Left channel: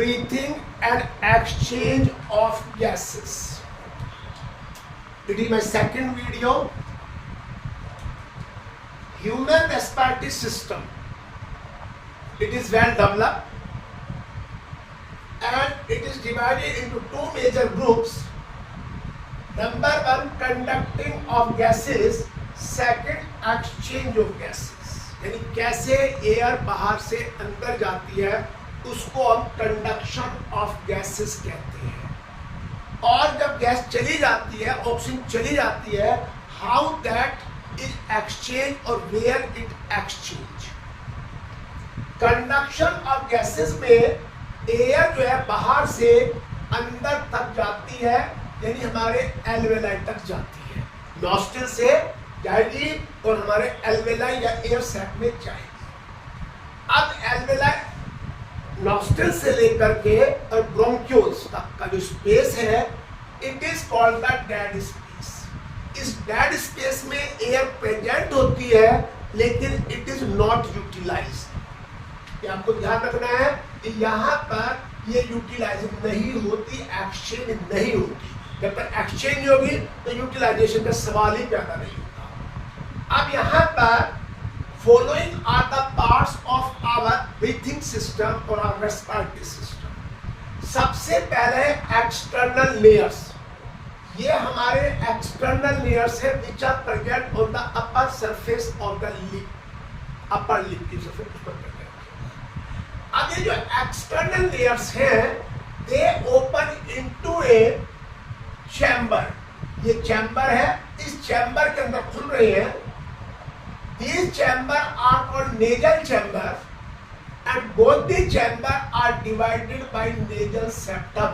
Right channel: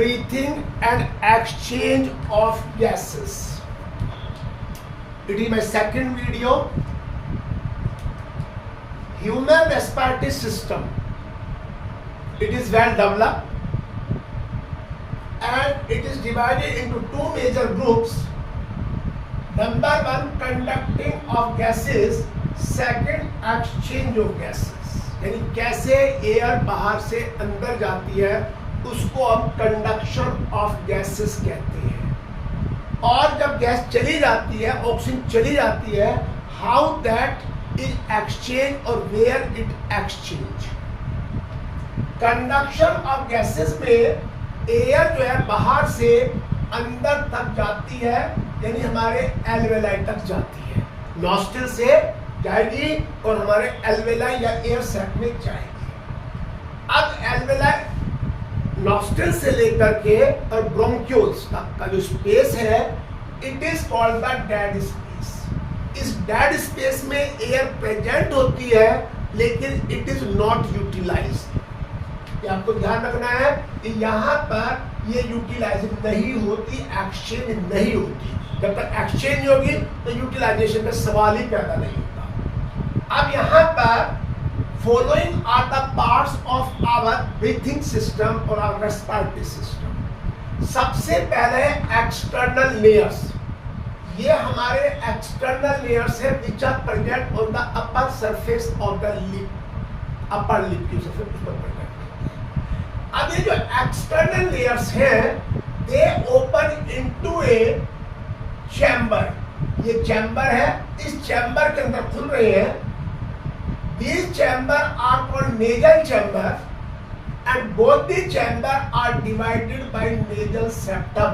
breathing and exchange of gases. It is my second video. Human respiratory system. It is well developed and it is divided into two major groups. Number one, conducting of gases. Second, exchange of gases. यानी कैसे air बाहर से अंदर जाती है उसको हम conduction of gases कहते हैं। और जब गैस चली जाती है, ऑक्सीजन चली जाती है, हाउ दैट इज एक्सचेंज और where it exchange. Conduction of gases में एयर जो है बाहर से अंदर तक जाती है, यानी हमारे एल्वेलाई तक जाती है, नॉस्ट्रिल से जाएगी और हमारे एल्वेलाई या एयर सैक में जाएगी। अब एल्वेलाई नॉस्ट्रिल से लेकर के और ब्रोंक्यूल्स तक का जो स्पेस है, it is called the dead space. इस डेड स्पेस में एयर प्रेजेंट होती है लेकिन इट इज नॉट यूटिलाइज्ड। ये आपको ध्यान रखना है कि यहाँ पर ये यूटिलाइज नहीं होती, एक्सचेंज नहीं होती। जब तक एक्सचेंज नहीं होगी तो यूटिलाइजेशन का सवाल ही पैदा नहीं होता। अब यहाँ पर following are the parts of our breathing system और आवर रेस्पिरेटरी सिस्टम। सबसे पहले एक्सटर्नल लेयर्स। ये हमारे एक्सटर्नल लेयर्स है which are present on the upper surface of the lip, upper lip की सरफेस पर प्रेजेंट। अब ये जो एक्सटर्नल लेयर्स हैं, they open into a chamber. ये चैम्बर है, इस चैम्बर के अंदर खुल रहे हैं। These chambers are called nasal chamber and both the chamber are divided by nasal septum.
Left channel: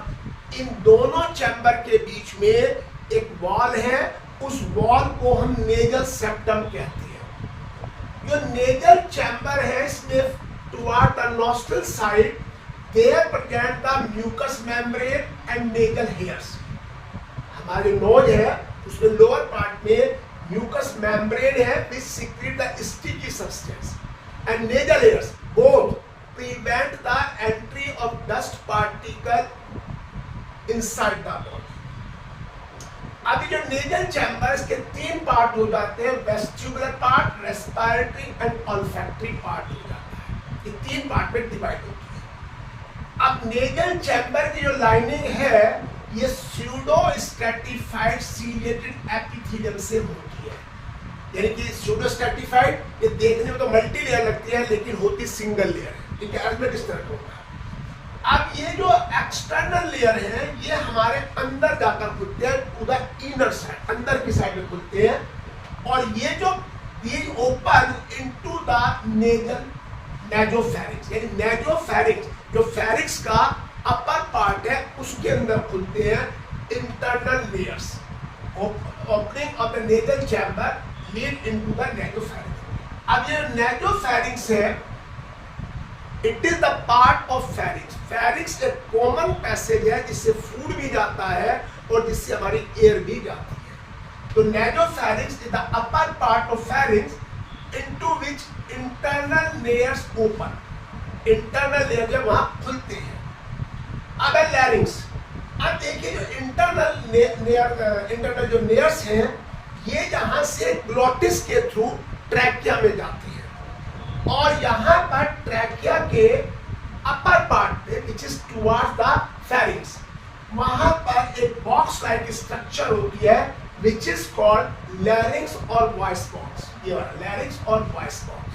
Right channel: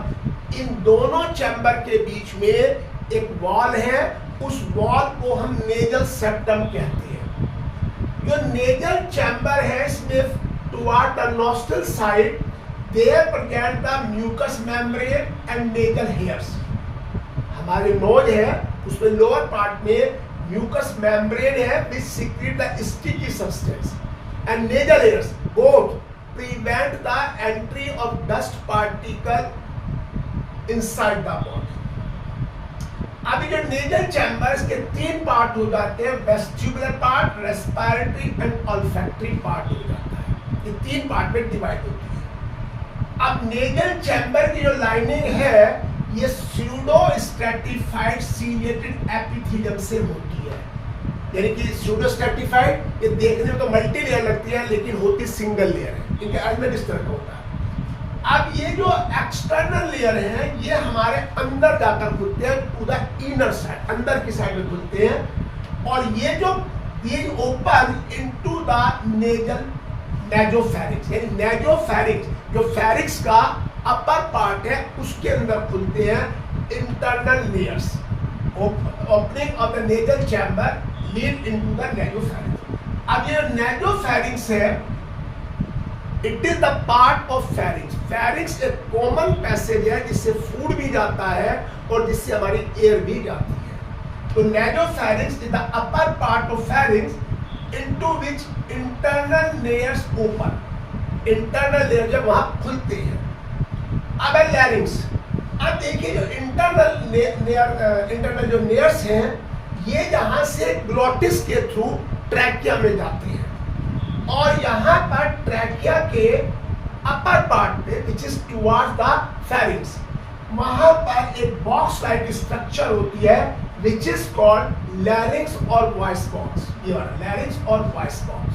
इन दोनों चैम्बर के बीच में एक वॉल है, उस वॉल को हम नेजल सेप्टम कहते हैं। जो नेजल चैम्बर है इसमें toward the nostril side there present the mucus membrane and nasal hairs. हमारे नोज है उसमें लोअर पार्ट में म्यूकस मेम्ब्रेन है which secrete the sticky substance and nasal hairs both prevent the entry of dust particle inside the body. अभी जो nasal chambers के तीन part हो जाते हैं, vestibular part, respiratory and olfactory part हो जाता है। ये तीन पार्ट में डिवाइड होती है। अब नेजल चैम्बर की जो लाइनिंग है ये स्यूडो स्ट्रैटिफाइड सीलिएटेड एपिथेलियम से होती है। यानी कि स्यूडो स्ट्रैटिफाइड ये देखने में तो मल्टी लेयर लगती है लेकिन होती सिंगल लेयर है। इनके अरेंजमेंट इस तरह का होता है। अब ये जो एक्सटर्नल लेयर है ये हमारे अंदर जाकर खुलते हैं, टू द इनर साइड, अंदर की साइड में खुलते हैं। और ये जो these open into the nasal नेजोफेरिक्स, यानी नेजोफेरिक्स जो फेरिक्स का अपर पार्ट है उसके अंदर खुलते हैं internal layers. Opening of the nasal chamber lead into the nasopharynx. अब ये नेजोफेरिंक्स है, it is the part of pharynx. Pharynx एक कॉमन पैसेज है जिससे फूड भी जाता है और जिससे हमारी एयर भी जाती है। तो nasopharynx is the upper part of pharynx into which internal layers open. Internal layer जब वहां खुलते हैं। अब लैरिंग्स। अब देखिए जो इंटरनल जो लेयर्स हैं ये यहाँ से ग्लोटिस के थ्रू ट्रैकिया में जाती हैं और यहाँ पर ट्रैकिया के अपर पार्ट पे which is towards the pharynx, वहां पर एक बॉक्स लाइक स्ट्रक्चर होती है विच इज कॉल्ड लैरिंग्स और वॉइस बॉक्स। ये वाला लैरिंग्स और वॉइस बॉक्स।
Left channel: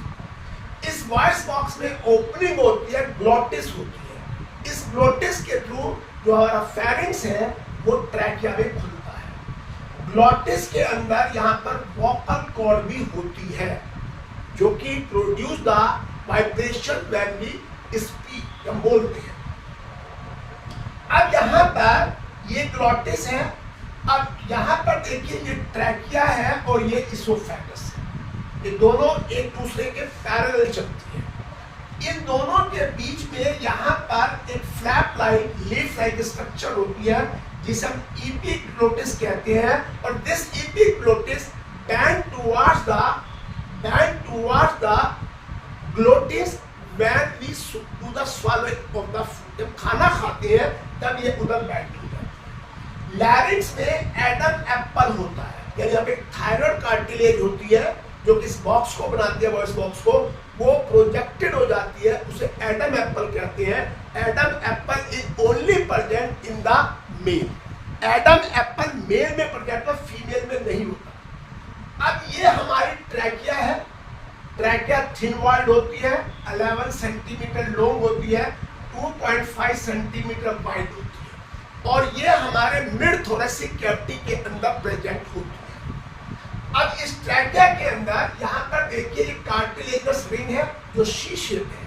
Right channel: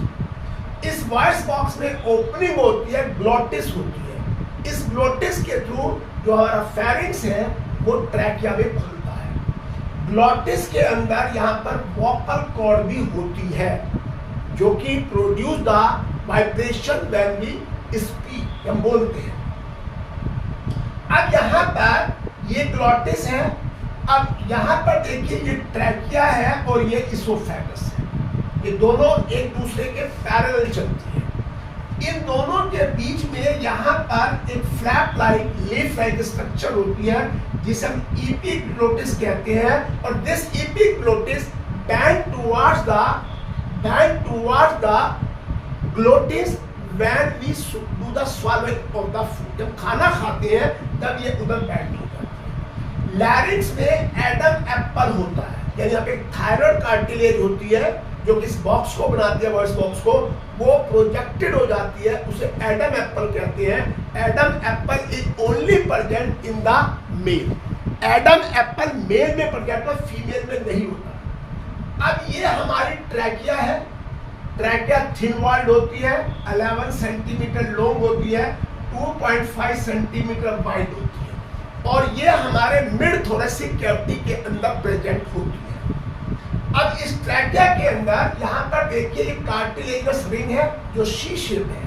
इस वॉइस बॉक्स में ओपनिंग होती है, ग्लोटिस होती है। इस ग्लोटिस के थ्रू जो हमारा फेरिंक्स है वो ट्रैकिया में खुलता है। ग्लोटिस के अंदर यहाँ पर वोकल कॉर्ड भी होती है जो कि produce the vibration when we speak, हम बोलते हैं। अब यहाँ पर ये ग्लोटिस है। अब यहाँ पर देखिए ये ट्रैकिया है और ये इसोफेगस है। ये दोनों एक दूसरे के पैरेलल चलती है। इन दोनों के बीच में यहाँ पर एक flap like leaf like structure होती है जिसे हम एपिग्लोटिस कहते हैं। और this epiglottis band towards the glottis when we do the swallowing of the food, जब खाना खाते हैं तब ये उधर बैंड हो जाती है। लैरिंक्स में एडम एप्पल होता है, यानी यहाँ पे थायराइड कार्टिलेज होती है जो कि इस बॉक्स को बनाती है, वॉइस बॉक्स को, वो प्रोजेक्टेड हो जाती है, उसे एडम एप्पल कहते हैं। Adam apple is only present in the male. Adam apple male में प्रेजेंट है, फीमेल में नहीं होता। अब ये हमारी ट्रैकिया है। ट्रैकिया थिन वॉल्ड होती है, 11 सेंटीमीटर लॉन्ग होती है, 2.5 सेंटीमीटर वाइड होती है, और ये हमारे मिड थोरेसिक कैविटी के अंदर प्रेजेंट होती है। अब इस ट्रैकिया के अंदर यहाँ पर देखिए ये कार्टिलेजस रिंग है जो सी शेप है।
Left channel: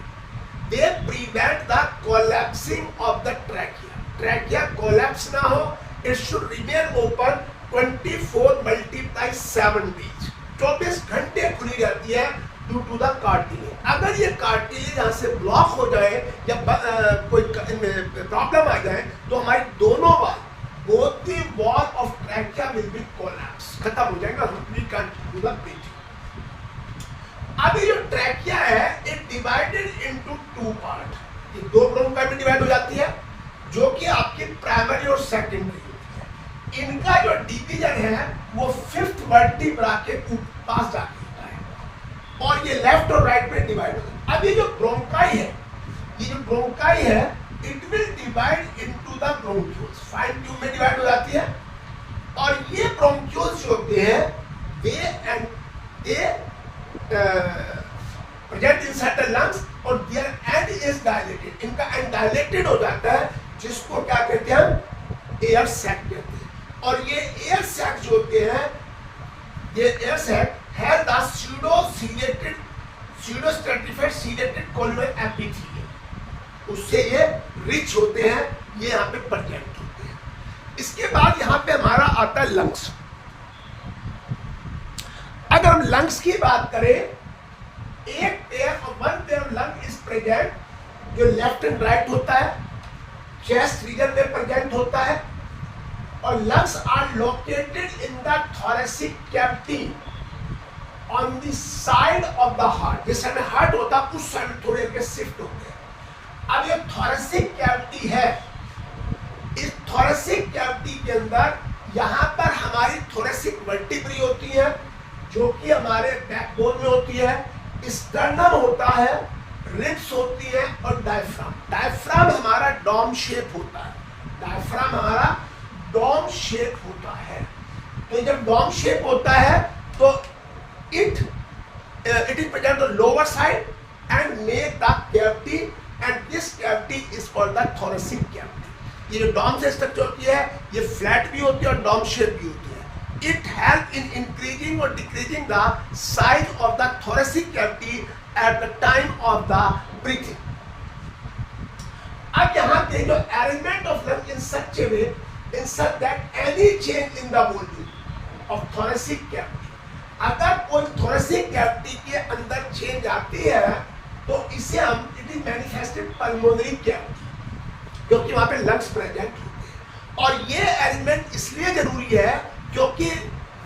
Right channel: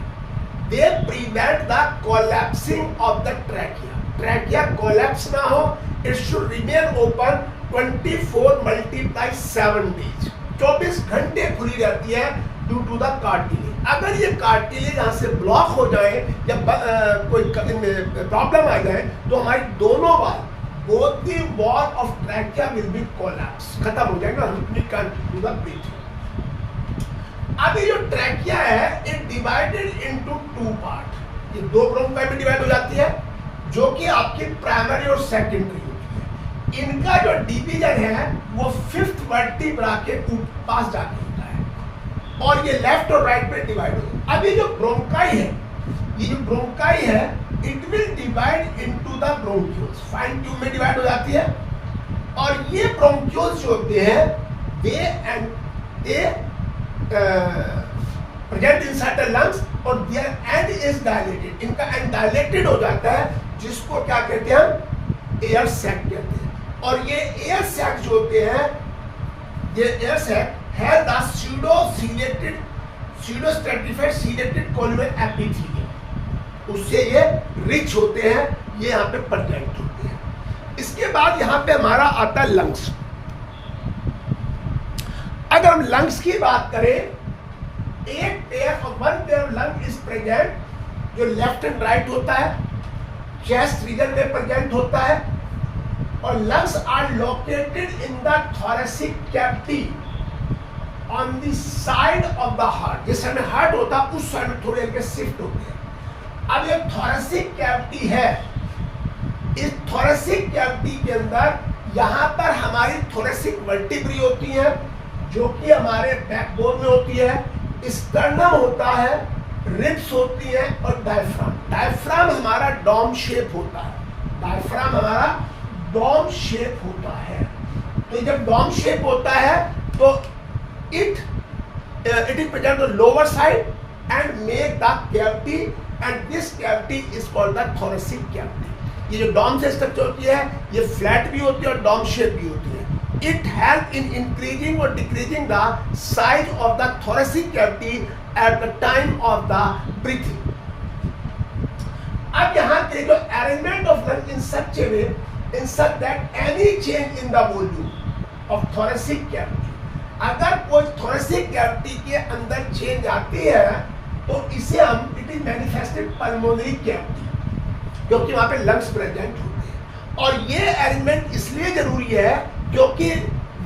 They prevent the collapsing of the trachea. Trachea collapse ना हो, it should remain open 24×7 days, 24 घंटे खुली रहती है ड्यू टू द कार्टिलेज। अगर ये कार्टिलेज यहाँ से ब्लॉक हो जाए या कोई प्रॉब्लम आ जाए तो हमारी दोनों wall, both the wall of trachea will be collapsed, खत्म हो जाएगा, we can't do the breathing। अब ये जो ट्रैकिया है it divided into two part, ये दो ब्रोंकाई में डिवाइड हो जाती है जो कि आपकी प्राइमरी और सेकेंडरी होती है। इनका जो डिवीजन है वो 5th वर्टिब्रा के पास जाके होता है और ये लेफ्ट और राइट में डिवाइड होता है। अब ये जो ब्रोंकाई है, ये जो ब्रोंकाई है it will divide into the bronchioles, fine tube में डिवाइड हो जाती है, और ये ब्रोंक्यूल्स जो होते हैं दे प्रेजेंट इनसाइड द लंग्स और देयर एंड इज डायलेटेड, इनका एंड डायलेटेड हो जाता है, जिसको क्या कहते हैं हम एयर सैक कहते हैं। और ये एयर सैक जो होते हैं, ये air sac has the pseudo stratified ciliated columnar epithelium, उससे ये रिच होते हैं, ये यहाँ पे प्रेजेंट होते हैं। इसके बाद यहाँ पे हमारा आता है लंग्स। अगर हम लंग्स की बात करें, एक पेयर और one pair of lung is present जो लेफ्ट एंड राइट होता है, चेस्ट रीजन में प्रेजेंट होता है, और lungs are located in the thoracic cavity on the side of the heart. जिस साइड में हार्ट होता है उस साइड में थोड़े हल्के शिफ्ट होते हैं। अब ये थोरेसिक कैविटी है, इस थोरेसिक कैविटी के अंदर यहाँ पर हमारी थोरेसिक वर्टिब्री होती है जो कि हमारे बैकबोन में होती है, स्टर्नम होता है, रिब्स होती है, और डायफ्राम। डायफ्राम हमारा डॉम शेप होता है, डायफ्राम हमारा डॉम शेप होता है। तो जब डॉम शेप होता है तो it is present the lower side and make the cavity, and this cavity is called the thoracic cavity। ये जो डॉम से स्ट्रक्चर होती है ये फ्लैट भी होती है और डॉम शेप भी होती है। It help in increasing or decreasing the size of the thoracic cavity at the time of the breathing। अब यहाँ के जो arrangement of lung in such a way, in such that any change in the volume of thoracic cavity, अगर कोई thoracic cavity के अंदर change आती है तो इसे हम it is manifested pulmonary cavity, क्योंकि वहां पे लंग्स प्रेजेंट होते हैं। और ये अरेंजमेंट इसलिए जरूरी है क्योंकि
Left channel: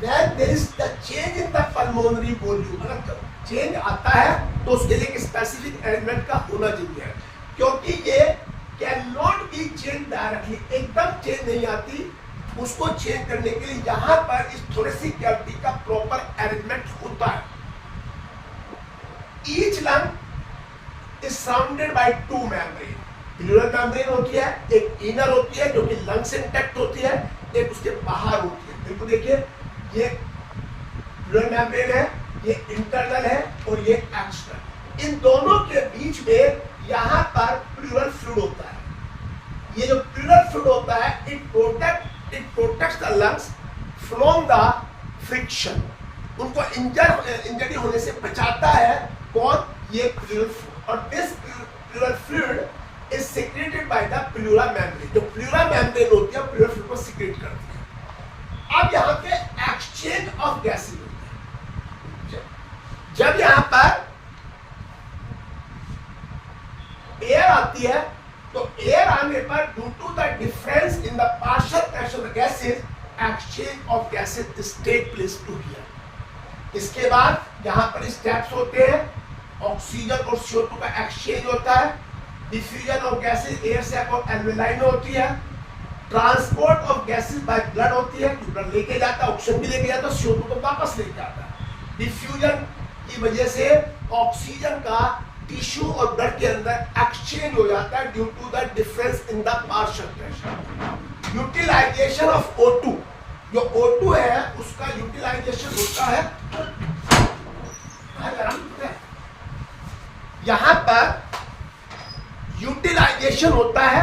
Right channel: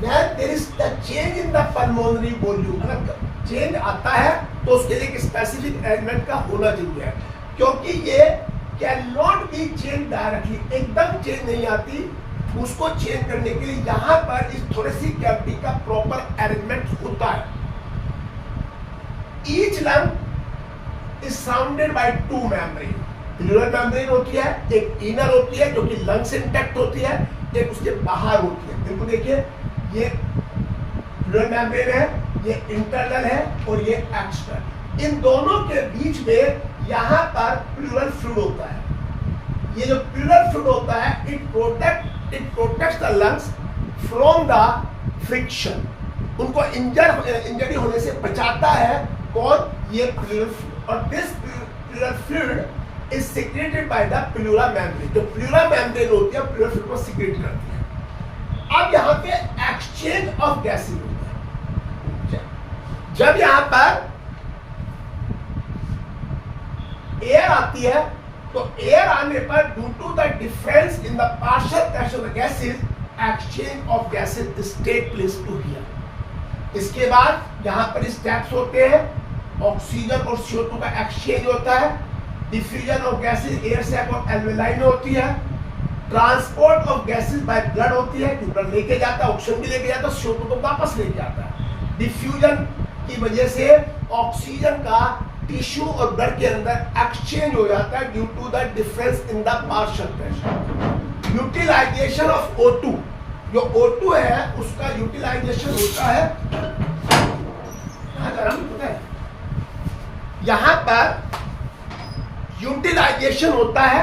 when there is the change in the pulmonary volume, अगर चेंज आता है तो उसके लिए एक स्पेसिफिक अरेंजमेंट का होना जरूरी है, क्योंकि ये can not be change directly, एकदम चेंज नहीं आती। उसको चेंज करने के लिए यहाँ पर इस थोरेसिक कैविटी का प्रॉपर अरेंजमेंट होता है। Each lung is surrounded by two membrane। Pleural membrane होती है, एक इनर होती है जो कि लंग से इंटैक्ट होती है, एक उसके बाहर होती है। देखो देखिए ये प्लूरल मेम्ब्रेन है, ये इंटरनल है और ये एक्सटर्नल। इन दोनों के बीच में यहाँ पर प्लूरल फ्लूइड होता है। ये जो प्लूरल फ्लूइड होता है it protects the lungs from the friction, उनको इंजरी होने से बचाता है। कौन? ये प्लूरल फ्लूइड। और this pleural fluid is secreted by the pleura membrane. जो प्लूरा मेम्ब्रेन होती है प्लूरल फ्लूइड को सिक्रेट करती है। अब यहाँ पे एक्सचेंज ऑफ गैसेज होता है। जब यहाँ पर एयर आती है तो एयर आने पर due to the difference in the partial pressure of gases, exchange of gases take place to here. इसके बाद यहाँ पर स्टेप्स होते हैं, ऑक्सीजन और CO2 का एक्सचेंज होता है। डिफ्यूजन ऑफ गैसेज एयर से एल्वेलाइन होती है। Transport of gases by blood होती है, ब्लड लेके जाता है, ऑक्सीजन भी लेके जाता है, CO2 को वापस लेके आता है। डिफ्यूजन की वजह से ऑक्सीजन का टिश्यू और ब्लड के अंदर एक्सचेंज हो जाता है due to the difference in the partial pressure. Utilization of O2, जो O2 है उसका यूटिलाइजेशन होता है, यहां पर यूटिलाइजेशन होता है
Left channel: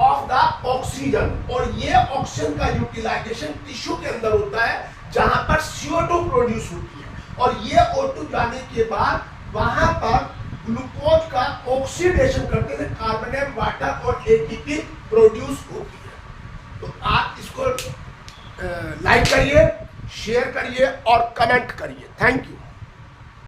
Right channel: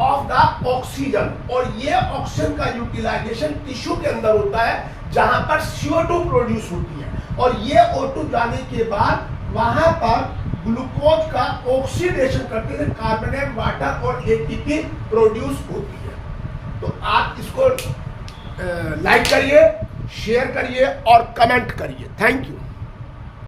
ऑफ द ऑक्सीजन, और ये ऑक्सीजन का यूटिलाइजेशन टिश्यू के अंदर होता है जहां पर CO2 प्रोड्यूस होती है, और ये O2 जाने के बाद वहां पर ग्लूकोज का ऑक्सीडेशन करते हैं, कार्बोनेट वाटर और ATP प्रोड्यूस होती है। तो आप इसको लाइक करिए, शेयर करिए और कमेंट करिए। Thank you.